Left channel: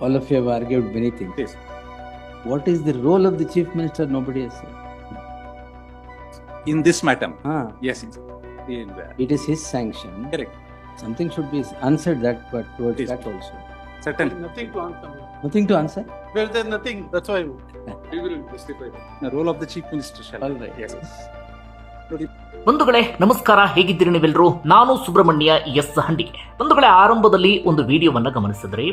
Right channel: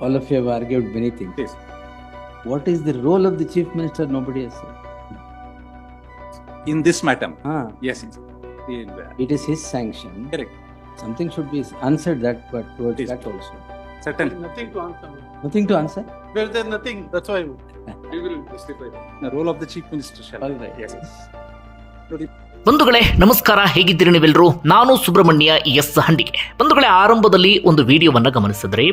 All of you have argued many things. Yes. What is the role of the chief minister? Nobody has said. In this matter, Ah, yes, yes. In the- it is his sanction. correct, Something should be answered that, but towards Yes. that also. certainly. Nothing to answer. Nothing to answer? Well, there's nothing, that's why. We will justify that. The role of the chief minister shall. All right. Yes. ಬಂಧುಗಳೇ, ನಮಸ್ಕಾರ. ಹೇಗಿದ್ದೀರಿ ನೀವೆಲ್ಲರೂ ನಾನು Subrahmanya S ಹಂಡಿಗೆ. ಬಂಧುಗಳೇ, ಆರಂಭದಲ್ಲಿ ಒಂದು ವಿಡಿಯೋವನ್ನು ಗಮನಿಸಿದ್ರಿ.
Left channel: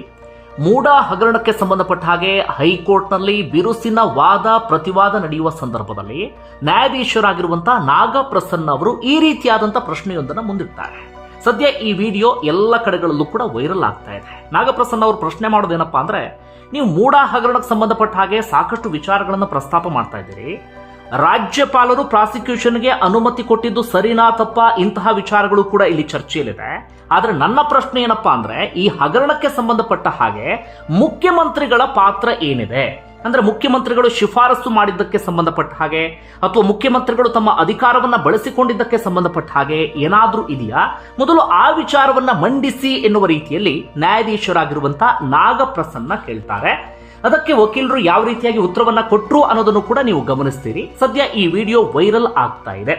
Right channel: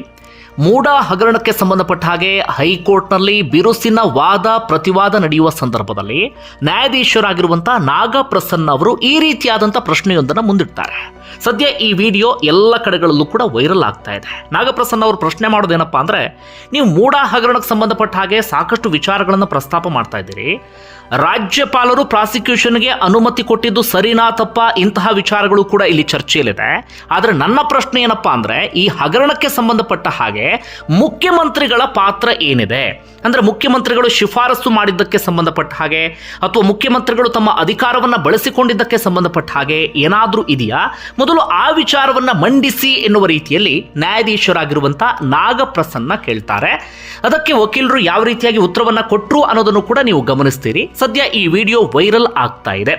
ಮೂಡ ಹಗರಣಕ್ಕೆ ಸಂಬಂಧಪಟ್ಟ ಹಾಗೆ ಹೈಕೋರ್ಟ್ನಲ್ಲಿ ಬಿರುಸಿನ ವಾದ, ಪ್ರತಿವಾದ ನಡೆಯುವ ಸಂದರ್ಭದಲ್ಲಿ ನ್ಯಾಯಾಧೀಶರಾಗಿರುವಂಥ ನಾಗಪ್ರಸನ್ನ ಅವರು ಈ ರೀತಿಯಾದಂಥ ಪ್ರಶ್ನೆಯೊಂದನ್ನು ಮುಂದಿಡ್ತಾರೆ. ಸದ್ಯ ಈ ವಿಡಿಯೋ ಎಲ್ಲ ಕಡೆಗಳಲ್ಲೂ ಕೂಡ ವೈರಲ್ ಆಗ್ತಾ ಇದೆ. ನಾಗಪ್ರಸನ್ನ ಅವರು ಪ್ರಶ್ನೆ ಮಾಡೋದೇನಪ್ಪ ಅಂದರೆ, ನೀವು ಮೂಡ ಹಗರಣಕ್ಕೆ ಸಂಬಂಧಪಟ್ಟ ಹಾಗೆ ಸಾಕಷ್ಟು ವಿಚಾರಗಳನ್ನು ಪ್ರಸ್ತಾಪ ಮಾಡ್ತಾ ಇದ್ದೀರಿ. ರಾಜ್ಯಪಾಲರು ಪ್ರಾಸಿಕ್ಯೂಷನ್ಗೆ ಅನುಮತಿ ಕೊಟ್ಟಿದ್ದು ಸರಿನಾ ತಪ್ಪ ಇಂತಹ ವಿಚಾರಗಳು ಕೂಡ ಇಲ್ಲಿ ಚರ್ಚೆಯಲ್ಲಿದೆ. ಆದರೆ ನನ್ನ ಪ್ರಶ್ನೆ ಏನಪ್ಪಾ ಅಂದರೆ, ಈ ಹಗರಣಕ್ಕೆ ಸಂಬಂಧಪಟ್ಟ ಹಾಗೆ ಮುಖ್ಯಮಂತ್ರಿಗಳ ಪಾತ್ರ ಏನಿದೆ? ಅಂದರೆ ಮುಖ್ಯಮಂತ್ರಿಗಳು ಶಿಫಾರಸು ಮಾಡಿದ್ದಕ್ಕೆ ಸಂಬಂಧಪಟ್ಟ ಹಾಗೆ, ಅಥವಾ ಮುಖ್ಯಮಂತ್ರಿಗಳು ತಮ್ಮ ಅಧಿಕಾರವನ್ನು ಬಳಸಿಕೊಂಡಿದ್ದಕ್ಕೆ ಸಂಬಂಧಪಟ್ಟ ಹಾಗೆ ಏನಾದರೂ ಇದೆಯಾ? ಮೊದಲು ಆ ವಿಚಾರವನ್ನು ಮಂಡಿಸಿ ಎನ್ನುವ ರೀತಿಯಲ್ಲಿ ನ್ಯಾಯಾಧೀಶರಾಗಿರುವಂಥ ನಾಗಪ್ರಸನ್ನ ಕೇಳ್ತಾರೆ. ಅದಕ್ಕೆ ವಕೀಲರು ಯಾವ ರೀತಿಯಾಗಿ ಉತ್ತರವನ್ನ ಕೊಟ್ಟರು ಅನ್ನೋದನ್ನು ಕೂಡ ನೀವು ಗಮನಿಸ್ತೀರಿ. ಸದ್ಯ ಈ ವಿಡಿಯೋ ವೈರಲ್ ಆಗ್ತಾ ಇದೆ.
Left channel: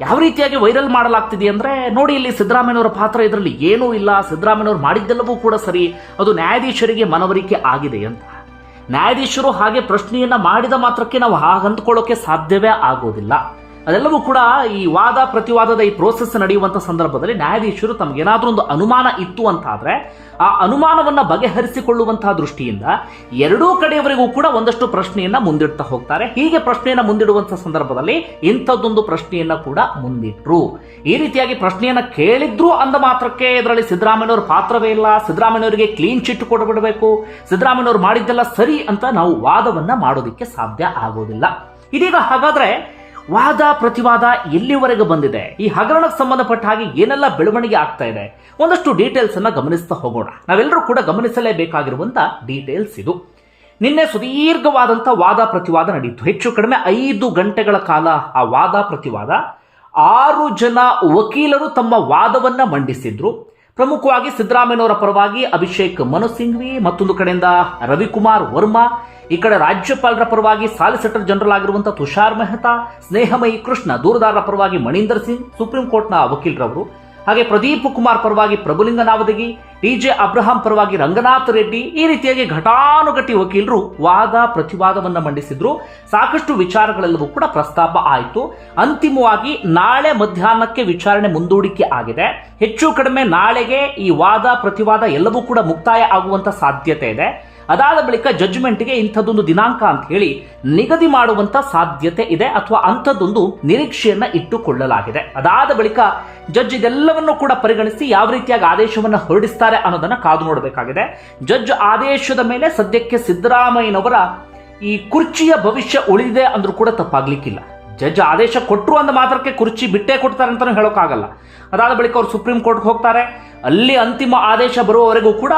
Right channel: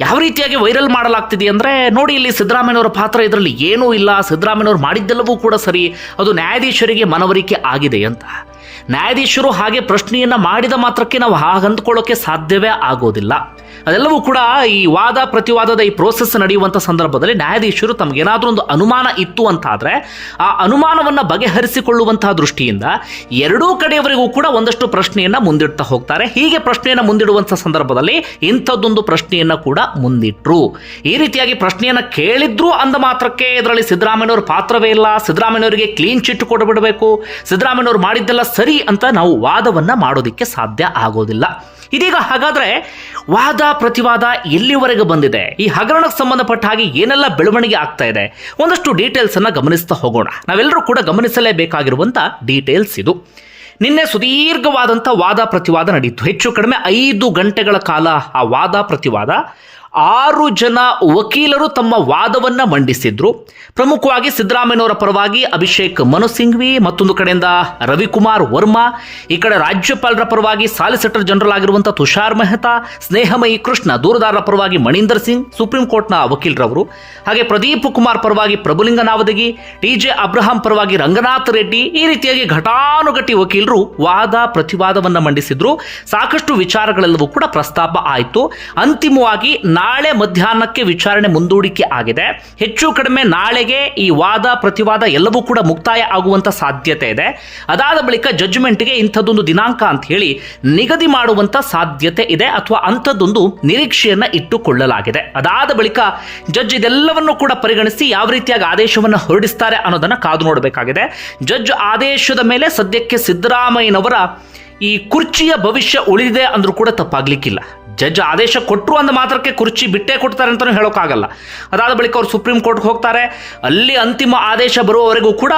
ಯಾವ ರೀತಿಯಾಗಿ ವೈರಲ್ ಮಾಡಲಾಗ್ತಿದೆ ಅಂದರೆ ನೋಡಿ ಇಲ್ಲಿ ಸಿದ್ದರಾಮಯ್ಯನವರ ಪಾತ್ರ ಇದರಲ್ಲಿ ಏನೂ ಇಲ್ಲ. ಸಿದ್ದರಾಮಯ್ಯನವರು ಮಾಡಿದ್ದೆಲ್ಲವೂ ಕೂಡ ಸರಿ. ಅದು ನ್ಯಾಯಾಧೀಶರಿಗೆ ಮನವರಿಕೆ ಆಗಿದೆ ಅಂತ. ನ್ಯಾಯಾಧೀಶರು ಹಾಗೆ ಪ್ರಶ್ನೆಯನ್ನು ಮಾಡಿದ ಮಾತ್ರಕ್ಕೆ ನಾವು ಹಾಗೆ ಅಂದ್ಕೊಳ್ಳೋಕೆ ಸಾಧ್ಯವೇ ಆಗೋದಿಲ್ಲ. ಅದೆಲ್ಲವೂ ಕೂಡ ಈ ವಾದ ಪ್ರತಿವಾದದ ಈ ಪ್ರೋಸೆಸ್ ನಡೆಯುವಂಥ ಸಂದರ್ಭದಲ್ಲಿ ನ್ಯಾಯಾಧೀಶರು ತಮಗೇನಾದರೂ ಒಂದು ಅನುಮಾನ ಇತ್ತು ಅಂತಾದರೆ, ಆ ಅನುಮಾನವನ್ನು ಬಗೆಹರಿಸಿಕೊಳ್ಳುವಂತಹ ದೃಷ್ಟಿಯಿಂದ ಎರಡೂ ಕಡೆಯವರೆಗೂ ಕೂಡ ಒಂದಷ್ಟು ಪ್ರಶ್ನೆಯನ್ನು ಮುಂದಿಡ್ತಾ ಹೋಗ್ತಾರೆ. ಹೀಗೆ ಪ್ರಶ್ನೆಯನ್ನು ಮುಂದಿಡುವಂಥ ಸಂದರ್ಭದಲ್ಲಿ ಇಂಥದ್ದೊಂದು ಪ್ರಶ್ನೆಯನ್ನು ಕೂಡ ಮುಂದಿಟ್ಟರು ಈ ರೀತಿಯಾಗಿ ಪ್ರಶ್ನೆಯನ್ನು ಕೇಳಿದ್ರು ಅಂದ ಮಾತ್ರಕ್ಕೆ ಇದರಲ್ಲಿ ಸಿದ್ದರಾಮಯ್ಯವ್ರ ಪಾತ್ರವೇ ಇಲ್ಲ. ಸಿದ್ದರಾಮಯ್ಯವರಿಗೆ ಕ್ಲೀನ್ ಚಿಟ್ ಕೊಡಬಿಡಬೇಕು ಸಿದ್ದರಾಮಯ್ಯವ್ರು ಮಾಡಿದ್ದೆಲ್ಲ ಸರಿ ಅಂತ ನಾವು ವಾದವನ್ನು ಮಾಡೋದಕ್ಕೆ ಸಾಧ್ಯ ಆಗೋದಿಲ್ಲ. ಇದೀಗ ಹಾಗಾದ್ರೆ ವಾದ ಪ್ರತಿವಾದ ಎಲ್ಲಿವರೆಗೆ ಬಂದಿದೆ? ಈ ಹಗರಣಕ್ಕೆ ಸಂಬಂಧಪಟ್ಟ ಹಾಗೆ ಏನೆಲ್ಲ ಬೆಳವಣಿಗೆ ಆಗ್ತಾ ಇದೆ? ಒಂದಷ್ಟು ಡೀಟೇಲ್ಸ್ ಅನ್ನ ಗಮನಿಸ್ತಾ ಹೋಗೋಣ. ನಾವೆಲ್ಲರೂ ಕೂಡ ಗಮನಿಸಲೇಬೇಕಾಗಿರುವಂತ ಡೀಟೇಲ್ಸ್ ಇದು. ನಿನ್ನೆ ಸುದೀರ್ಘವಾದಂಥ ವಾದ ಪ್ರತಿವಾದ ನಡೆಯಿತು ಹೆಚ್ಚು ಕಡಿಮೆ ಐದು ಗಂಟೆಗಳ ಕಾಲ ಆ ವಾದ ಪ್ರತಿವಾದ ಆರು ಜನ ವಕೀಲರು ತಮ್ಮ ವಾದವನ್ನು ಮಂಡಿಸಿದ್ರು. ಪ್ರಮುಖವಾಗಿ ಸಿದ್ದರಾಮಯ್ಯನವರ ಪರವಾಗಿ ಅಭಿಷೇಕ್ ಮನು ಸಿಂಘ್ವಿ, ಮತ್ತೊಂದು ಕಡೆಯಿಂದ ರವಿಕುಮಾರ್ ವರ್ಮಾ, ಈ ಕಡೆ ರಾಜ್ಯಪಾಲರ ಪರವಾಗಿ ಸಾಲಿಸಿಟರ್ ಜನರಲ್ ಆಗಿರುವಂಥ ತುಷಾರ್ ಮೆಹ್ತಾ, ಸ್ನೇಹಮಯಿ ಕೃಷ್ಣ, ದೂರದಾರರ ಪರವಾಗಿ ಮಣೀಂದರ್ ಸಿಂಗ್, ಸುಪ್ರೀಂ ಕೋರ್ಟ್ನ ವಕೀಲರವರು. ಹಾಗೆ ಪ್ರದೀಪ್ ಕುಮಾರ್ ಪರವಾಗಿ Prabhulinga Navadagi T J Abraham ಪರವಾಗಿ ರಂಗನಾಥ್ ರೆಡ್ಡಿ, ಈ ರೀತಿಯಾಗಿ ಘಟಾನುಘಟಿ ವಕೀಲರು ವಾದ, ಪ್ರತಿವಾದವನ್ನು ಮಂಡಿಸಿದ್ರು. ಸಾಕಷ್ಟು ವಿಚಾರಗಳೆಲ್ಲವೂ ಕೂಡ ಪ್ರಸ್ತಾಪ ಆಯಿತು. ಅಂತಿಮವಾಗಿ ನಾಳೆ ಮಧ್ಯಾಹ್ನಕ್ಕೆ ವಿಚಾರಣೆ ಮುಂದೂಡಿಕೆ ಆಗಿದೆ. ಹೆಚ್ಚು ಕಡಿಮೆ ನಾಳೆಗೆ ಈ ವಾದ, ಪ್ರತಿವಾದ ಎಲ್ಲವೂ ಕೂಡ ಮುಕ್ತಾಯ ಆಗುವಂತ ಸಾಧ್ಯತೆ ಇದೆ. ಅದಾದ ಬಳಿಕ ಜಡ್ಜ್ಮೆಂಟ್ಗೆ ಇಂಥದ್ದೊಂದು ದಿನಾಂಕ ಅಂತ ಹೇಳಿ ನಿಗದಿ ಮಾಡುವಂತ ಸಾಧ್ಯತೆ ಇದೆ ಅಥವಾ ಅಂಥದ್ದೊಂದು ನಿರೀಕ್ಷೆಯನ್ನು ಇಟ್ಟುಕೊಳ್ಳಲಾಗಿದೆ. ಅದಾದ ಬಳಿಕ ಜಡ್ಜ್ ಇದೆಲ್ಲವನ್ನು ಕೂಡ ಪರಿಗಣಿಸಿ ಯಾವ ರೀತಿಯಾಗಿ ಆದೇಶವನ್ನು ಹೊರಡಿಸ್ತಾರೆ ಅನ್ನೋದನ್ನ ಕಾದು ನೋಡಬೇಕಾಗಿದೆ. ಜಡ್ಜ್ ಆದೇಶದ ಮೇಲೆ ಸದ್ಯಕ್ಕೆ ಸಿದ್ದರಾಮಯ್ಯನವರ ಈ ಕುರ್ಚಿಯ ಭವಿಷ್ಯ ಉಳಿದಿದೆ ಅಂದ್ರೂ ಕೂಡ ತಪ್ಪಾಗ್ಲಿಕ್ಕಿಲ್ಲ. ಜಡ್ಜ್ ಆದೇಶ ಕೊಟ್ಟರು ಅಂದ ಮಾತ್ರಕ್ಕೆ ಕುರ್ಚಿ ಬಿಟ್ಟೇ ಕೊಡ್ತಾರೆ ಅಂತಲೂ ಹೇಳೋಕ್ಕಾಗಲ್ಲ. ಅದಾದ ಬಳಿಕ ಅವರು ಸುಪ್ರೀಂ ಕೋರ್ಟ್ಗೆ ಹೋಗ್ತಾರೆ. ಅಲ್ಲಿ ಅಂತಿಮ ಆದೇಶ ಬರುವವರೆಗೂ ಕೂಡ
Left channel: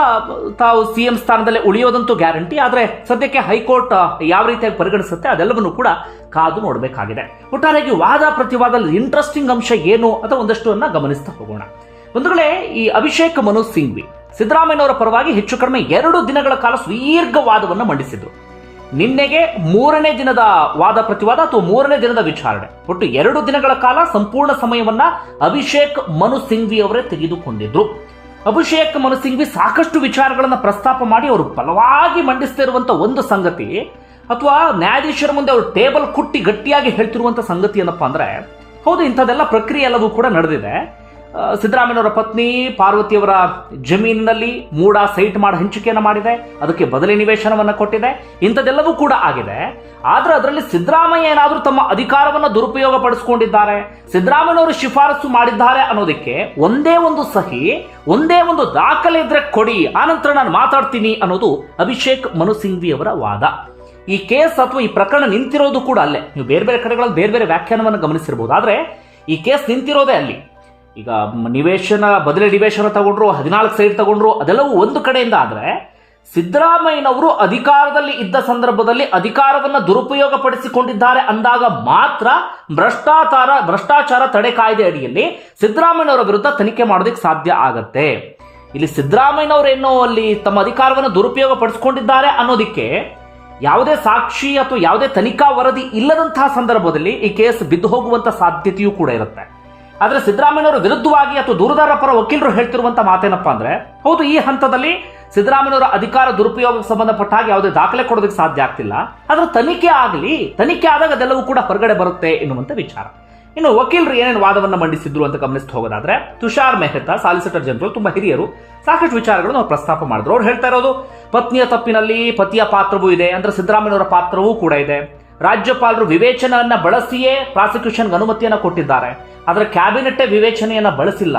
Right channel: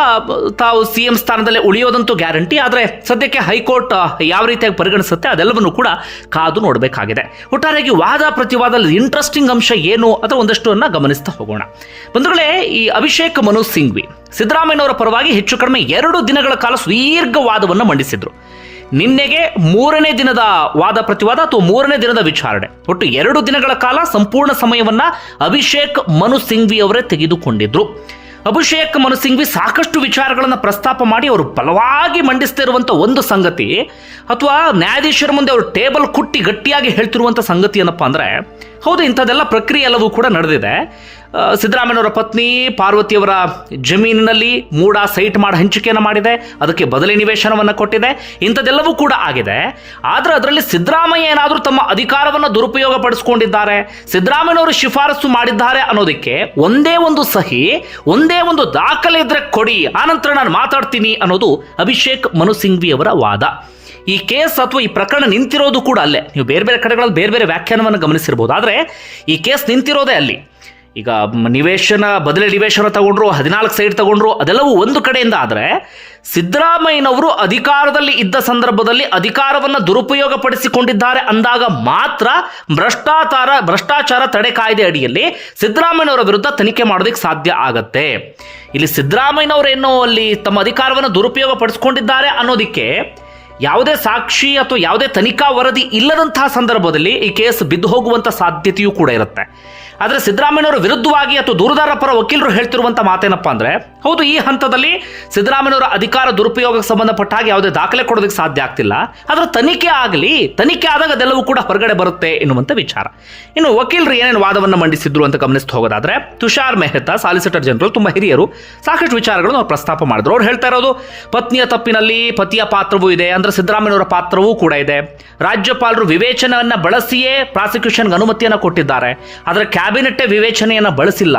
ತಾವು ಸಿ ಎಂ ಸ್ಥಾನದಲ್ಲೇ ಉಳಿಯೋದಂತೂ ಗ್ಯಾರಂಟಿ. ಆದರೆ ಸದ್ಯಕ್ಕೆ ಹೈಕೋರ್ಟ್ ಯಾವ ರೀತಿಯಾಗಿ ಪರಿಗಣಿಸುತ್ತೆ ಅದೆಲ್ಲವನ್ನು ಕೂಡ ಕಾದು ನೋಡಬೇಕಾಗಿದೆ. ಒಟ್ಟಾರೆಯಾಗಿ ವಾದ ಪ್ರತಿವಾದದಲ್ಲಿ ಇಂಟ್ರೆಸ್ಟಿಂಗ್ ಅಂಶ ಏನು ಅಥವಾ ಒಂದಷ್ಟು ಗಮನಿಸ್ತಾ ಹೋಗೋಣ. ಬಂಧುಗಳೇ, ಈ ಅಭಿಷೇಕ್ ಮನು ಸಿಂಗ್ವಿ ಸಿದ್ದರಾಮಯ್ಯನವರ ಪರವಾಗಿ ಹೆಚ್ಚು ಕಡಿಮೆ ಎರಡು ದಿನಗಳ ಕಾಲ ಸುದೀರ್ಘ ವಾದವನ್ನು ಮಂಡಿಸಿದ್ರು. ನಿನ್ನೆಗೆ ಮೂರನೇ ದಿನದ ವಾದ ಪ್ರತಿವಾದ ಅಥವಾ ಮೂರನೇ ದಿನದ ವಿಚಾರಣೆ. ಒಟ್ಟು ಎರಡು ದಿನಗಳ ಕಾಲ ಸಂಪೂರ್ಣ ಸಮಯವನ್ನ ಅಭಿಷೇಕ್ ಮನು ಸಿಂಘ್ವಿ ಅವರೇ ತೆಗೆದುಕೊಂಡಿದ್ರು. ಅಭಿಷೇಕ್ ಮನು ಸಿಂಘ್ವಿ ಸಾಕಷ್ಟು ವಿಚಾರಗಳನ್ನು ಪ್ರಸ್ತಾಪ ಮಾಡಿ ಅವರು ಬಲವಾಗಿ ಮಂಡಿಸ್ತಿರುವಂಥ ಒಂದು ಸಂಗತಿ ಅಥವಾ ನ್ಯಾಯಾಧೀಶರ ಮುಂದೆ ಅವರು ಟೇಬಲ್ ಕುಟ್ಟಿ ಗಟ್ಟಿಯಾಗಿ ಹೇಳ್ತಿರುವಂಥ ಸಂಗತಿ ಏನಪ್ಪ ಅಂದ್ರೆ, ಹೌದು, ಇಂಥದ್ದೆಲ್ಲ ಪ್ರಕ್ರಿಯೆ ಎಲ್ಲವೂ ಕೂಡ ನಡೆದಿದೆ. ಸಿದ್ದರಾಮಯ್ಯನವರ ಪತ್ನಿ ಪಾರ್ವತಿಯವರ ಜಮೀನಿನಲ್ಲಿ ಮೂಡ ಸೈಟ್ ಮಾಡಿ ಹಂಚಿಕೆಯನ್ನು ಮಾಡಿದೆ. ಅದಕ್ಕೆ ಬದಲಿ ನಿವೇಶನವನ್ನು ಕೊಟ್ಟಿದೆ. ಇಂಥದ್ದೆಲ್ಲವೂ ಕೂಡ ಆಗಿದೆ. ಆದರೆ ಅದರಲ್ಲಿ ಸಿದ್ದರಾಮಯ್ಯ ಏನಾದರೂ ತಮ್ಮ ಅಧಿಕಾರವನ್ನು ದುರುಪಯೋಗ ಪಡಿಸ್ಕೊಂಡಿದ್ದಾರೆ. ಸಿದ್ದರಾಮಯ್ಯನವರು ಶಿಫಾರಸು ಮಾಡಿದ್ದಾರೆ ಅನ್ನೋದಕ್ಕೆ ಒಂದೇ ಒಂದು ಸಹಿ, ಒಂದೇ ಒಂದು ದಾಖಲೆ ಇದ್ರೆ ಕೊಡಿ ಆನಂತರ ನಾನು ಮಾತಾಡ್ತೀನಿ ಅನ್ನೋದು ಅಭಿಷೇಕ್ ಮನು ಸಿಂಘ್ವಿ ಅವರ ವಾದ. ಈ ಕೇಸ್ ಅಥವಾ ಈ ಪ್ರಕರಣ ನಿಂತಿರೋದು ಕೂಡ ಅಲ್ಲೇ. ನೀವು ಬೇರೆ ಬೇರೆ ಕಡೆಗಳಲ್ಲಿ ಬೇರೆ ಬೇರೆ ವ್ಯಾಖ್ಯಾನವನ್ನು ಗಮನಿಸಿರ್ಬೋದು. ಆದರೆ ಈ ಕೇಸ್ ನಿಂತಿರೋದೇ ಅಲ್ಲಿ. ಈಗ ನಿವೇಶನ, ಬದಲಿ ನಿವೇಶನ ತಗೊಂಡ್ರು, ಹದಿನಾಲ್ಕು ಸೈಡ್ ತಗೊಂಡ್ರು, ಅದೆಲ್ಲವೂ ಒಂದು ಕಡೆಯಿಂದ ಆದರೆ ಸಿದ್ದರಾಮಯ್ಯನವರು ಅಧಿಕಾರದಲ್ಲಿ ಇದ್ದ ಸಂದರ್ಭದಲ್ಲಿ ಅಧಿಕಾರವನ್ನು ದುರುಪಯೋಗಪಡಿಸಿಕೊಂಡಿದ್ದಾರೆ ಅಂದಾಗ ಮಾತ್ರ ಭ್ರಷ್ಟಾಚಾರ ಭ್ರಷ್ಟಾಚಾರ ತಡೆ ಕಾಯ್ದೆ ಅಡಿಯಲ್ಲಿ ಸಿದ್ದರಾಮಯ್ಯನವರ ವಿರುದ್ಧ ತನಿಖೆ ಮಾಡೋದಕ್ಕೆ ಸಾಧ್ಯ ಆಗತ್ತೆ. ಇಲ್ಲಿ ಸಿದ್ದರಾಮಯ್ಯನವರೇನೋ ಅಲ್ಲಿ ತಮ್ಮ ಅಧಿಕಾರವನ್ನು ದುರುಪಯೋಗ ಪಡಿಸ್ಕೊಂಡಿದ್ದಾರೆ ಅನ್ನೋದಕ್ಕೆ ಯಾವುದೇ ಸಾಕ್ಷಿ ಅಥವಾ ಯಾವುದೇ ತನಿಖಾ ವರದಿ ಇಲ್ಲದಂತಹ ಸಂದರ್ಭದಲ್ಲಿ ಈ ಕೇಸ್ ಬಿದ್ದು ಹೋಗುವಂಥ ಸಾಧ್ಯತೆಯೂ ಕೂಡ ಇರುತ್ತೆ. ಆದರೆ ಸಿದ್ದರಾಮಯ್ಯನವರ ವಿರುದ್ಧವಾಗಿ ಅಥವಾ ದೂರದಾರ ಪರ ವಕೀಲರು ಹೇಳ್ತಿರುವಂಥ ಮಾತೇನಪ್ಪ ಅಂದರೆ, ಹೌದು, ಈ ಹಂತದಲ್ಲಿ ಸಿದ್ದರಾಮಯ್ಯನವರ ಅಧಿಕಾರ ದುರುಪಯೋಗಕ್ಕೆ ಸಂಬಂಧಪಟ್ಟ ಹಾಗೆ ಯಾವುದೇ ದಾಖಲೆ ಕೊಡೋದಕ್ಕೆ ಸಾಧ್ಯ ಆಗ್ತಿಲ್ಲ. ಆದರೆ ತನಿಖೆ ಆಗಲಿ, ತನಿಖೆ ಆದಾಗ ಅದೆಲ್ಲವೂ ಕೂಡ ಹೊರಗಡೆ ಬರುತ್ತೆ ಎನ್ನುವಂಥ ವಿಚಾರ. ಇನ್ನು ವಕೀಲರು ಏನೇನು ವಾದವನ್ನು ಮಂಡಿಸಿದ್ರು ಅಂತ ಗಮನಿಸ್ತಾ ಹೋಗೋದಾದ್ರೆ, ತುಷಾರ್ ಮೆಹ್ತಾ, ಸಾಲಿಸಿಟರ್ ಜನರಲ್, ತುಂಬ ಹಿರಿಯರು, ಸಾಕಷ್ಟು ವಿಚಾರಗಳನ್ನು ಅವ್ರು ಪ್ರಸ್ತಾಪ ಮಾಡಿದ್ರು. ಅವ್ರು ಹೇಳ್ತಾ ಇರೋದು, ಪತ್ನಿಯ ತಪ್ಪಿನಲ್ಲಿ ಪತಿಯ ಪಾತ್ರವೂ ಇದೆ, ಅಂದ್ರೆ ಸಿದ್ದರಾಮಯ್ಯನವರ ಪಾತ್ರವೂ ಕೂಡ ಇದೆ. ರಾಜ್ಯಪಾಲರು ವಿವೇಚನೆಯನ್ನ ಬಳಸಿಯೇ ಪ್ರಾಸಿಕ್ಯೂಷನ್ಗೆ ಅನುಮತಿಯನ್ನು ಕೊಟ್ಟಿದ್ದಾರೆ. ಆದರೆ ಕ್ಯಾಬಿನೆಟ್ಟೇ ವಿವೇಚನೆಯನ್ನು ಬಳಸಿಲ್ಲ.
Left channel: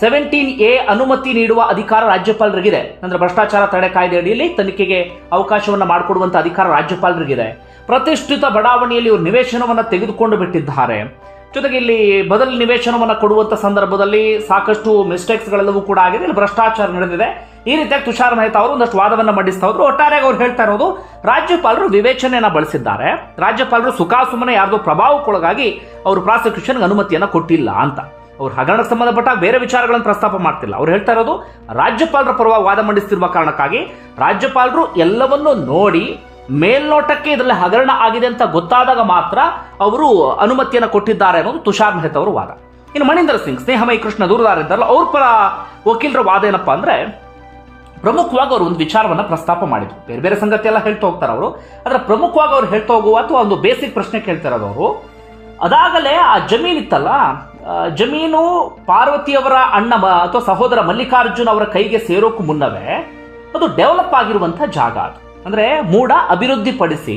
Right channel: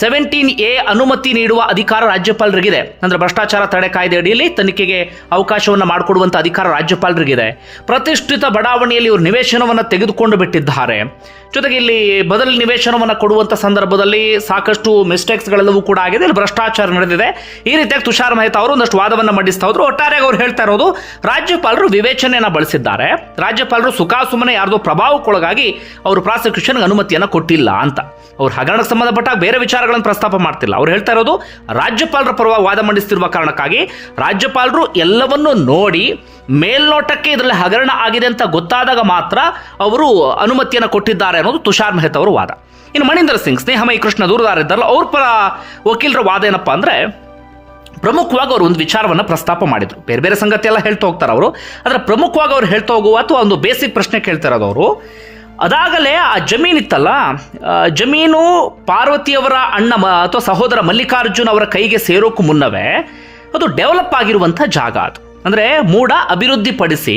ಸೆವೆಂಟೀನ್ ಎ ಅನುಮತಿ ನೀಡುವ ಅಧಿಕಾರ ರಾಜ್ಯಪಾಲರಿಗಿದೆ. ಅಂದ್ರೆ ಭ್ರಷ್ಟಾಚಾರ ತಡೆ ಕಾಯ್ದೆ ಅಡಿಯಲ್ಲಿ ತನಿಖೆಗೆ ಅವಕಾಶವನ್ನು ಮಾಡಿಕೊಡುವಂಥ ಅಧಿಕಾರ ರಾಜ್ಯಪಾಲರಿಗಿದೆ. ಪ್ರತಿಷ್ಠಿತ ಬಡಾವಣೆಯಲ್ಲಿ ಇವರು ನಿವೇಶನವನ್ನು ತೆಗೆದುಕೊಂಡು ಬಿಟ್ಟಿದ್ದಾರೆ. ಜೊತೆಗೆ ಇಲ್ಲಿ ಬದಲು ನಿವೇಶನವನ್ನು ಕೊಡುವಂಥ ಸಂದರ್ಭದಲ್ಲಿ ಸಾಕಷ್ಟು ಮಿಸ್ಟೇಕ್ಸ್ಗಳೆಲ್ಲವೂ ಕೂಡ ಆಗಿದೆ. ಇಲ್ಲಿ ಭ್ರಷ್ಟಾಚಾರ ನಡೆದಿದೆ. ಈ ರೀತಿಯಾಗಿ ತುಷಾರ್ ಮೆಹ್ತಾ ಅವರು ಒಂದಷ್ಟು ವಾದವನ್ನು ಮಂಡಿಸ್ತಾ ಹೋದ್ರು. ಒಟ್ಟಾರೆಯಾಗಿ ಅವ್ರು ಹೇಳ್ತಾ ಇರೋದು, ರಾಜ್ಯಪಾಲರು ವಿವೇಚನೆಯನ್ನು ಬಳಸಿದ್ದಾರೆ. ರಾಜ್ಯಪಾಲರು ಸುಖಾಸುಮನೆ ಯಾರ್ದೋ ಪ್ರಭಾವಕ್ಕೊಳಗಾಗಿ ಅವರು ಪ್ರಾಸಿಕ್ಯೂಷನ್ಗೆ ಅನುಮತಿಯನ್ನು ಕೊಟ್ಟಿಲ್ಲ ಅಂತ. ಅವ್ರು ಹಗರಣಕ್ಕೆ ಸಂಬಂಧಪಟ್ಟ ಬೇರೆ ವಿಚಾರಗಳನ್ನು ಪ್ರಸ್ತಾಪ ಮಾಡ್ತಿಲ್ಲ. ಅವ್ರು ಹೇಳ್ತಾ ಇರೋದು ರಾಜ್ಯಪಾಲರ ಪರವಾಗಿ ವಾದ ಮಂಡಿಸ್ತಿರುವ ಕಾರಣಕ್ಕಾಗಿ ರಾಜ್ಯಪಾಲರು ಎಲ್ಲವನ್ನೂ ನೋಡಿ ಮೇಲ್ನೋಟಕ್ಕೆ ಇದರಲ್ಲಿ ಹಗರಣ ಆಗಿದೆ ಅಂತ ಗೊತ್ತಾದಾಗ ಮಾತ್ರ ಅವರು ಅನುಮತಿಯನ್ನು ಕೊಟ್ಟಿದ್ದಾರೆ ಅನ್ನೋದು ತುಷಾರ್ ಮೆಹ್ತಾ ಅವರ ವಾದ. ಇನ್ನು ಮಣೀಂದರ್ ಸಿಂಗ್, ಸ್ನೇಹಮಯಿ ಕೃಷ್ಣ ದೂರದಾರ ಇದ್ದಾರಲ್ಲ, ಅವ್ರ ಪರ ವಕೀಲರ ವಾದ ಏನಪ್ಪ ಅಂದರೆ ಪ್ರಮುಖವಾಗಿ ಅವರು ಒಂದು ವಿಚಾರವನ್ನು ಪ್ರಸ್ತಾಪ ಮಾಡಿದ್ರು. ಬೇರೆ ಬೇರೆ ಸಂಗತಿ ಎಲ್ಲ ಹೇಳ್ತಾ ಹೋಗ್ತಾರೆ ಅವರು. ಆದರೆ ಪ್ರಮುಖವಾಗಿ ಅವ್ರು ಹೇಳ್ತಾ ಹೋಗುವ ಅಥವಾ ಒಂದು ಬೇಸಿಕ್ ಪ್ರಶ್ನೆ ಕೇಳ್ತಾ ಇರೋದು ಅವರು ಅದಾಗಲೇ ಆ ಜಮೀನಿತ್ತಲ್ಲ ಜಮೀನು ಪಾರ್ವತಿಯವರ ಅಣ್ಣ ಅಥವಾ ಸಹೋದರ ಮಲ್ಲಿಕಾರ್ಜುನ್ ಅವರ ಕೈಗೆ ಸೇರೋಕ್ಕೂ ಮುನ್ನವೇ ಅದು ಡೆವಲಪ್ ಆಗಿರುವಂಥ ಜಾಗ ಅದು. ಅಂದರೆ ಮೂಡ ಅಭಿವೃದ್ಧಿಪಡಿಸಿ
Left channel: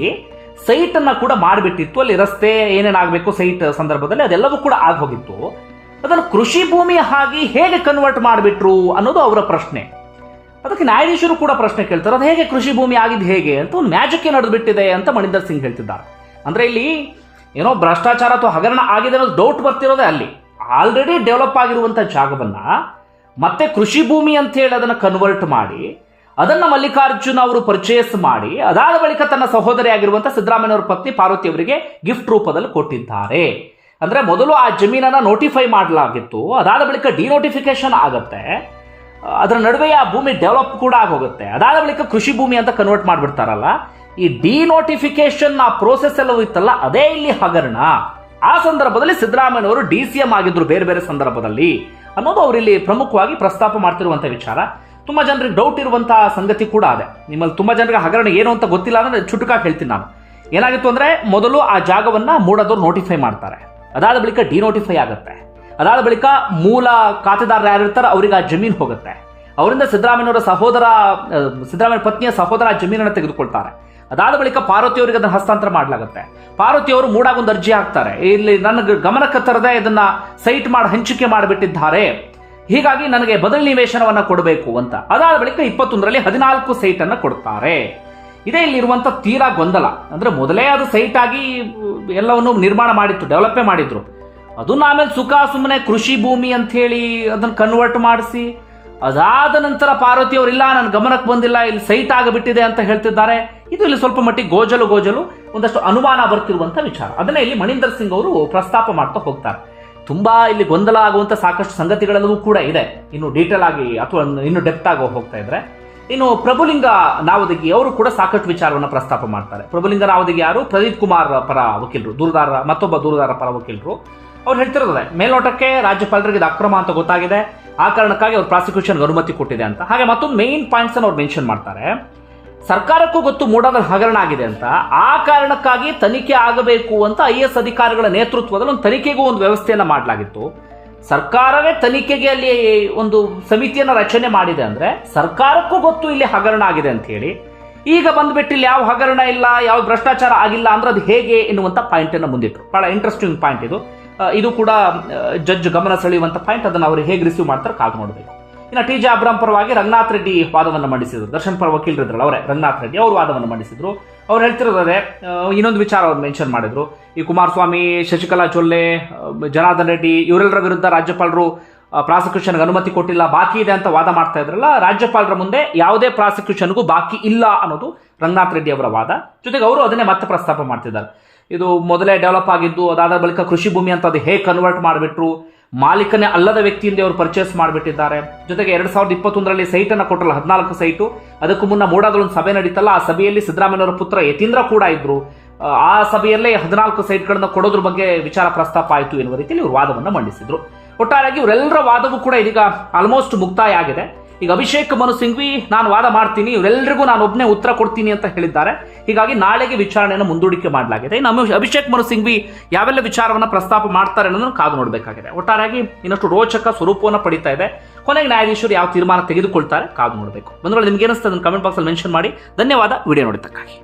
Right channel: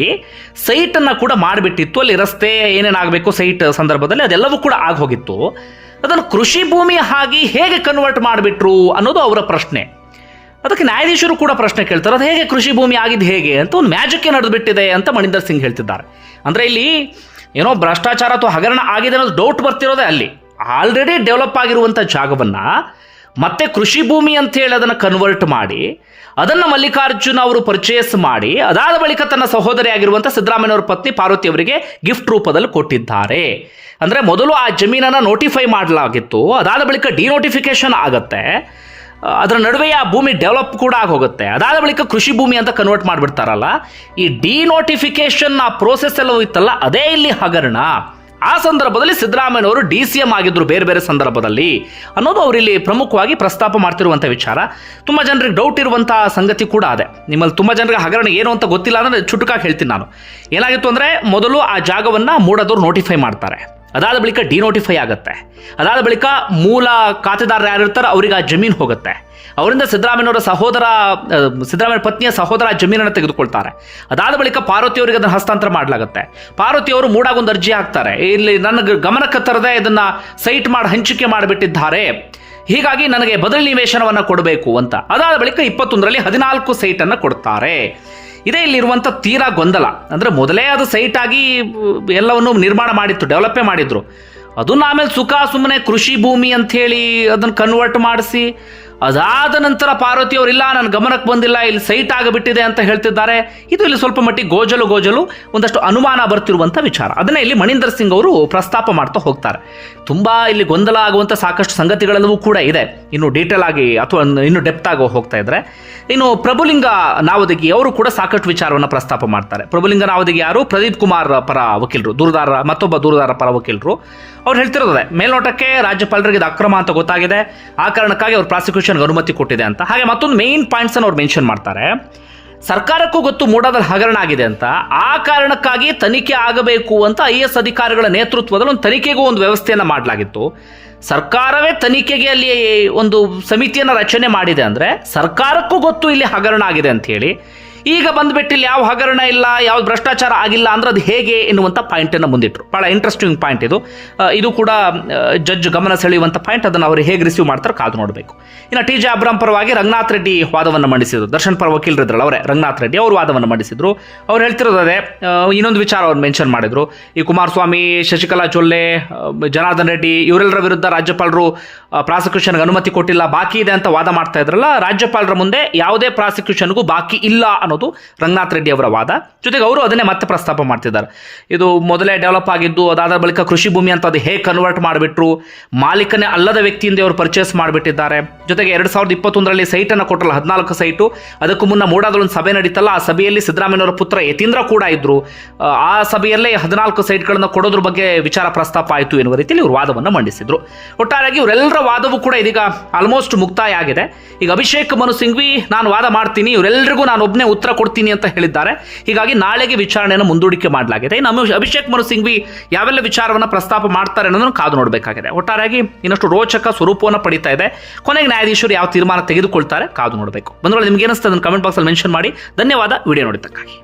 ಸೈಟನ್ನು ಕೂಡ ಮಾಡಿಬಿಟ್ಟಿತ್ತು. ಅಲ್ಲಿ ರಸ್ತೆ ಏನೇನಾಗಬೇಕು ಸೈಟ್ ಸಂದರ್ಭದಲ್ಲಿ ಅದೆಲ್ಲವೂ ಕೂಡ ಆಗೋಗಿತ್ತು ಅದನ್ನು ಕೃಷಿ ಭೂಮಿ ಆಗಿ ಹೇಗೆ ಕನ್ವರ್ಟ್ ಮಾಡಿಬಿಟ್ರು ಅನ್ನೋದು ಅವರ ಪ್ರಶ್ನೆ. ಅದಕ್ಕೆ ನ್ಯಾಯಾಧೀಶರು ಕೂಡ ಪ್ರಶ್ನೆ ಕೇಳ್ತಾರೆ, ಅದು ಹೇಗೆ ಕೃಷಿ ಭೂಮಿ ಆಗಿದ್ದು ಹೇಗೆ? ಅಂತ ಒಂದು ಮ್ಯಾಜಿಕ್ಕೆ ನಡೆದು ಬಿಟ್ಟಿದೆ ಅಂತ ಮಣಿಂದರ್ ಸಿಂಗ್ ಹೇಳ್ತಿದ್ದಾರೆ. ಅಂದರೆ ಇಲ್ಲಿ ಏನೋ ಭ್ರಷ್ಟಾಚಾರ ಅಥವಾ ಹಗರಣ ಆಗಿದೆ ಅನ್ನೋದು ಡೌಟ್ ಬರ್ತಿರೋದೇ ಅಲ್ಲಿ. ಆಲ್ರೆಡಿ ಡೆವಲಪ್ ಆಗಿರುವಂಥ ಜಾಗವನ್ನು ಮತ್ತೆ ಕೃಷಿ ಭೂಮಿ ಅಂತ ಹೇಳಿ ಅದನ್ನು ಕನ್ವರ್ಟ್ ಮಾಡಿ, ಅದನ್ನು ಮಲ್ಲಿಕಾರ್ಜುನ ಅವರು ಪರ್ಚೇಸ್ ಮಾಡಿ, ಅದಾದ ಬಳಿಕ ತನ್ನ ಸಹೋದರಿ ಆಗಿರುವಂಥ ಸಿದ್ದರಾಮಯ್ಯವರ ಪತ್ನಿ ಪಾರ್ವತಿ ಅವರಿಗೆ ಗಿಫ್ಟ್ ರೂಪದಲ್ಲಿ ಕೊಟ್ಟಿದ್ದಾರೆ. ಅಂದರೆ ಮೊದಲು ಆ ಜಮೀನನ್ನು ನೋಟಿಫೈ ಮಾಡಲಾಗಿತ್ತು, ಅದಾದ ಬಳಿಕ ಡಿನೋಟಿಫಿಕೇಶನ್ ಆಗುತ್ತೆ. ಅದರ ನಡುವೆ ಆ ಭೂಮಿ ಡೆವಲಪ್ ಕೂಡ ಆಗೋಗುತ್ತೆ. ಅದಾದ ಬಳಿಕ ಕೃಷಿ ಭೂಮಿ ಅಂತ ಕನ್ವರ್ಟ್ ಮಾಡಿಬಿಡ್ತಾರಲ್ಲ, ಈ ಡಿನೋಟಿಫಿಕೇಶನ್ ಆ ಪ್ರೋಸೆಸ್ ಎಲ್ಲ ಇತ್ತಲ್ಲ ಅದೇ ಇಲ್ಲಿ ಹಗರಣ. ಆ ಸಂದರ್ಭದಲ್ಲಿ ಸಿದ್ದರಾಮಯ್ಯನವರು ಡಿ ಸಿ ಎಂ ಆಗಿದ್ರು ಬೇರೆ ಬೇರೆ ಸಂದರ್ಭದಲ್ಲಿ. ಅನ್ನೋದು ಅವರಿಲ್ಲಿ ಪ್ರಮುಖವಾಗಿ ಪ್ರಸ್ತಾಪ ಮಾಡ್ತಿರುವಂಥ ವಿಚಾರ. ತುಂಬ ಜನರಿಗೆ ಡೌಟ್ ಇರುವಂಥ ಸಂಗತಿ ಕೂಡ ಅದೇ. ನಿಮ್ಮಲ್ಲಿ ತುಂಬ ಜನರಿಗೆ ಹಗರಣ ಏನು ಅಂತ ಗೊತ್ತಿಲ್ಲ ಅಂದರೆ ಚುಟುಕಾಗಿ ಹೇಳ್ತೀನಿ ನಾನು. ಏನಾಗಿತ್ತು ಅಂದರೆ, ಮೊದಲು ಆ ಜಾಗವನ್ನು ಮೂಡೋದವ್ರು ನೋಟಿಫೈ ಮಾಡ್ತಾರೆ. ಅದಾದ ಬಳಿಕ ಡಿನೋಟಿಫೈ ಆಗುತ್ತೆ. ಅದಾದ ಬಳಿಕ ಮೂಲ ಖಾತೆದಾರರು ಯಾರಿರ್ತಾರೋ ಅವರಿಗೆ ಆ ಜಮೀನು ಹೋಗುತ್ತೆ. ಅವರಿಂದ ಸಿದ್ದರಾಮಯ್ಯನವರ ಸಹೋದರ ಸಿದ್ದರಾಮಯ್ಯ ಪತ್ನಿಯ ಸಹೋದರ ಜಮೀನನ್ನು ತೆಗೆದುಕೊಳ್ತಾರೆ. ಅದಾದ ಬಳಿಕ ಪಾರ್ವತಿ ಅವರಿಗೆ ಅದನ್ನು ಹಸ್ತಾಂತರ ಮಾಡಲಾಗುತ್ತೆ. ಪಾರ್ವತಿ ಅವರು ಮೂಡಾಗೊಂದು ಅರ್ಜಿ ಹಾಕ್ತಾರೆ. ಇಲ್ಲಿ ನನ್ನ ಗಮನಕ್ಕೆ ತರದೆ ಇದನ್ನು ಸೈಟ್ ಮಾಡಿ, ಹಂಚಿಕೆ ಮಾಡಿಬಿಟ್ಟಿದ್ದಾರೆ. ಹೀಗಾಗಿ ನನಗೆ ಬದಲು ನಿವೇಶನವನ್ನು ಕೊಡಬೇಕು ಅಂತ. ಅದಾದ ಬಳಿಕ ಇಪ್ಪತ್ತೊಂದರಲ್ಲಿ ಹದಿನಾಲ್ಕು ಸೈಟನ್ನು ಕೊಡ್ತಾರೆ. ಇದೇ ಇಲ್ಲಿರುವಂಥ ತೀರಾ ಗೊಂದಲ. ಅಂದರೆ ಮೊದಲೇ ಅದು ಸೈಟ್ ಆಗಿ ಎಲ್ಲವನ್ನು ನಿರ್ಮಾಣ ಮಾಡಿತ್ತು ಡೆವಲಪೇ ಮಾಡಿದ್ರು. ಅದನ್ನ ಆಮೇಲೆ ಸುಖ ಸುಮ್ಮನೆ ಕೃಷಿ ಭೂಮಿ ಅಂಥೇಳಿ ಅದನ್ನು ಕನ್ವರ್ಟ್ ಮಾಡಿಸಿ ಅದಾದ ನಂತರ ಪಾರ್ವತಿ ಅವರಿಲ್ಲ ನನ್ನ ಗಮನಕ್ಕೆ ಬಂದಿಲ್ಲ, ಇಲ್ಲಿ ಸೈಟ್ ಆಗಿಬಿಟ್ಟಿದೆ ಅಂತ ಹೇಳ್ತಿದ್ದಾರೆ. ಇದು ಇಲ್ಲಿ ಸ್ವಲ್ಪ ಮಟ್ಟಿಗೆ ಗೋಜಲು ಗೋಜಲು ಒಂದಷ್ಟು ಅನುಮಾನ ಬರ್ತಿರುವಂಥ ವಿಚಾರ. ಅದನ್ನೇ ಇಲ್ಲಿ ಮಣೀಂದರ್ ಸಿಂಗ್ ಅವರು ಪ್ರಸ್ತಾಪ ಮಾಡ್ತಾ ಹೋಗ್ತಾರೆ. ತುಂಬ ಇಲ್ಲಿ ಗೊಂದಲ ಆಗುವಂಥ ಸಾಕಷ್ಟು ಸಂಗತಿಗಳೆಲ್ಲವೂ ಕೂಡ ಇದೆ. ಇನ್ನು ಡೀಟೇಲ್ ಆಗಿ ಅಥವಾ ಇನ್ನು ಡೆಪ್ತ್ ಆಗಿ ಹೋಗ್ತಾ ಇದ್ರೆ. ಇನ್ನು ಪ್ರಭುಲಿಂಗ ನಾವದಗಿ ಅವರು ಕೂಡ ಸಾಕಷ್ಟು ವಿಚಾರವನ್ನು ಪ್ರಸ್ತಾಪ ಮಾಡ್ತಾರೆ. ಪ್ರಭುಲಿಂಗ ನಾವದಗಿ ಯಾರು? ಪ್ರದೀಪ್ ಕುಮಾರ್ ಪರ ವಕೀಲರು, ದೂರದಾರ, ಮತ್ತೊಬ್ಬ ದೂರದಾರ ಪರ ವಕೀಲರು. ಅವ್ರು ಹೇಳ್ತಿರೋದೇ, ಮೇಲ್ನೋಟಕ್ಕೆ ರಾಜ್ಯಪಾಲರಿಗೆ ಇದು ಅಕ್ರಮ ಅಂತ ಗೊತ್ತಾಗಿದೆ, ಆ ಕಾರಣಕ್ಕಾಗಿ ಅವ್ರು ಪ್ರಾಸಿಕ್ಯೂಷನ್ಗೆ ಅನುಮತಿ ಕೊಟ್ಟಿದೆ ಅಂತ. ಹಾಗೆ ಮತ್ತೊಂದು ಮೇನ್ ಪಾಯಿಂಟ್ಸ್ ಅವ್ರು ಮೆನ್ಷನ್ ಮಾಡ್ತಾರೆ. ಸರ್ಕಾರಕ್ಕೂ ಗೊತ್ತು ಮೂಡಾದಲ್ಲಿ ಹಗರಣ ಆಗಿದೆ ಅಂತ. ಆ ಕಾರಣಕ್ಕಾಗಿ ತನಿಖೆ ಆಗಬೇಕು ಅಂತ ಐ ಎಸ್ ಅಧಿಕಾರಿಗಳ ನೇತೃತ್ವದಲ್ಲಿ ಒಂದು ತನಿಖೆಗೂ ಒಂದು ವ್ಯವಸ್ಥೆಯನ್ನು ಮಾಡಲಾಗಿತ್ತು. ಸರ್ಕಾರವೇ ತನಿಖೆಗೆ ಅಲ್ಲಿ ಒಂದು ಸಮಿತಿಯನ್ನು ರಚನೆ ಮಾಡಿದೆ ಅಂದರೆ ಸರ್ಕಾರಕ್ಕೂ ಗೊತ್ತು ಇಲ್ಲಿ ಹಗರಣ ಆಗಿದೆ ಅಂತ ಹೇಳಿ. ಈಗ ಬಂದ್ಬಿಟ್ಟು ಇಲ್ಲಿ ಯಾವ ಹಗರಣ ಇಲ್ಲ, ಯಾವ ಭ್ರಷ್ಟಾಚಾರ ಆಗಿಲ್ಲ ಅಂದ್ರೆ ಅದು ಹೇಗೆ ಎನ್ನುವಂಥ ಪಾಯಿಂಟನ್ನು ಮುಂದಿಟ್ರು. ಬಹಳ ಇಂಟ್ರೆಸ್ಟಿಂಗ್ ಪಾಯಿಂಟ್ ಇದು. ಇದು ಕೂಡ ಜಡ್ಜ್ ಗಮನ ಸೆಳೆಯುವಂಥ ಪಾಯಿಂಟ್ ಅದನ್ನು ಅವರು ಹೇಗೆ ರಿಸೀವ್ ಮಾಡ್ತಾರೆ ಕಾದು ನೋಡಬೇಕು. ಇನ್ನು ಟಿ ಜೆ ಅಬ್ರಾಮ್ ಪರವಾಗಿ ರಂಗನಾಥ್ ರೆಡ್ಡಿ ವಾದವನ್ನು ಮಂಡಿಸಿದ್ರು. ದರ್ಶನ್ ಪರ ವಕೀಲರಿದ್ರಲ್ಲ ಅವರೇ, ರಂಗನಾಥ್ ರೆಡ್ಡಿ ಅವರು ವಾದವನ್ನು ಮಂಡಿಸಿದ್ರು. ಅವ್ರು ಹೇಳ್ತಿರೋದೇ ಇನ್ನೊಂದು ವಿಚಾರ ಅವ್ರು ಮೆನ್ಷನ್ ಮಾಡಿದ್ರು. ಈ ಕುಮಾರಸ್ವಾಮಿ, ಶಶಿಕಲಾ ಚೊಲ್ಲೆ ಜನಾರ್ದನ್ ರೆಡ್ಡಿ ಇವರೆಲ್ಲರ ವಿರುದ್ಧ ರಾಜ್ಯಪಾಲರು ಪ್ರಾಸಿಕ್ಯೂಷನ್ಗೆ ಅನುಮತಿ ಕೊಟ್ಟಿಲ್ಲ, ಬಾಕಿ ಇದೆ ಅಂತ ವಾದ ಮಾಡ್ತಾ ಇದ್ರಲ್ಲ, ರಾಜ್ಯಪಾಲರ ಮುಂದೆ ಯಾವುದೇ ಪ್ರಾಸಿಕ್ಯೂಷನ್ಗೂ ಬಾಕಿ ಇಲ್ಲ ಅನ್ನೋದು ಅನ್ನೋದು ರಂಗನಾಥ್ ರೆಡ್ಡಿ ಅವರ ವಾದ. ಜೊತೆಗೆ ಅವರು ಅದನ್ನೇ ಮತ್ತೆ ಪ್ರಸ್ತಾಪ ಮಾಡ್ತಿದ್ದಾರೆ. ಇದು ಮೊದಲೇ ಡೆವಲಪ್ ಆಗಿದ್ದು ಅದಾದ ಬಳಿಕ ಕೃಷಿ ಭೂಮಿ ಅಂತ ಅದು ಹೇಗೆ ಕನ್ವರ್ಟ್ ಮಾಡಿಬಿಟ್ರು ಮಾಲೀಕನೇ ಅಲ್ಲದ ವ್ಯಕ್ತಿಯಿಂದ ಅವರು ಪರ್ಚೇಸ್ ಮಾಡಿಬಿಟ್ಟಿದ್ದಾರೆ. ಜೊತೆಗೆ ಎರಡು ಸಾವಿರದ ಇಪ್ಪತ್ತೊಂದರಲ್ಲಿ ಸೈಟನ್ನು ಕೊಟ್ಟಲ್ಲ ಹದಿನಾಲ್ಕು ಸೈಟು ಅದಕ್ಕೂ ಮುನ್ನ ಮೂಡಾದಲ್ಲಿ ಒಂದು ಸಭೆ ನಡೀತಲ್ಲ ಆ ಸಭೆಯಲ್ಲಿ ಸಿದ್ದರಾಮಯ್ಯನವರ ಪುತ್ರ ಯತೀಂದ್ರ ಕೂಡ ಇದ್ರು. ಆ, ಸಭೆಯಲ್ಲೇ ಹದಿನಾಲ್ಕು ಸೈಟ್ಗಳನ್ನು ಕೊಡೋದ್ರ ಬಗ್ಗೆ ವಿಚಾರ ಪ್ರಸ್ತಾಪ ಆಯಿತು ಎನ್ನುವ ರೀತಿಯಲ್ಲಿ ಇವರು ವಾದವನ್ನು ಮಂಡಿಸಿದ್ರು. ಒಟ್ಟಾರೆಯಾಗಿ ಇವರೆಲ್ಲರ ವಾದವೂ ಕೂಡ ಇದೀಗ ಆಲ್ಮೋಸ್ಟ್ ಮುಕ್ತಾಯ ಆಗಿದೆ. ಈಗ ಅಭಿಷೇಕ್ ಮನು ಸಿಂಘ್ವಿ ನಾನು ವಾದ ಮಾಡ್ತೀನಿ ಇವರೆಲ್ಲರಿಗೂ ನಾನು ಒಬ್ಬನೇ ಉತ್ತರ ಕೊಡ್ತೀನಿ ಅಂತ ಹೇಳಿದ್ದಾರೆ. ಹೀಗಾಗಿ ನಾಳೆಗೆ ವಿಚಾರಣೆಯನ್ನು ಮುಂದೂಡಿಕೆ ಮಾಡಲಾಗಿದೆ. ನಮ್ಮ ಅಭಿಷೇಕ್ ಮನು ಸಿಂಘ್ವಿ ಯಾವೆಲ್ಲ ವಿಚಾರವನ್ನು ಪ್ರಸ್ತಾಪ ಮಾಡ್ತಾರೆ ಅನ್ನೋದನ್ನು ಕಾದು ನೋಡಬೇಕಾಗಿದೆ. ಒಟ್ಟಾರೆಯಾಗಿ ಇನ್ನಷ್ಟು ರೋಚಕ ಸ್ವರೂಪವನ್ನು ಪಡಿತಾ ಇದೆ. ಕೊನೆಗೆ ನ್ಯಾಯಾಧೀಶರು ಯಾವ ತೀರ್ಮಾನ ತೆಗೆದುಕೊಳ್ತಾರೆ ಕಾದು ನೋಡಬೇಕು. ಬಂದ್ರೆ ನಿಮ್ಗೆ ಏನಿಸ್ತದೆ ಕಮೆಂಟ್ ಬಾಕ್ಸಲ್ಲಿ ಮೆನ್ಷನ್ ಮಾಡಿ. ಧನ್ಯವಾದ. ವಿಡಿಯೋ ನೋಡಿದ್ದಕ್ಕಾಗಿ.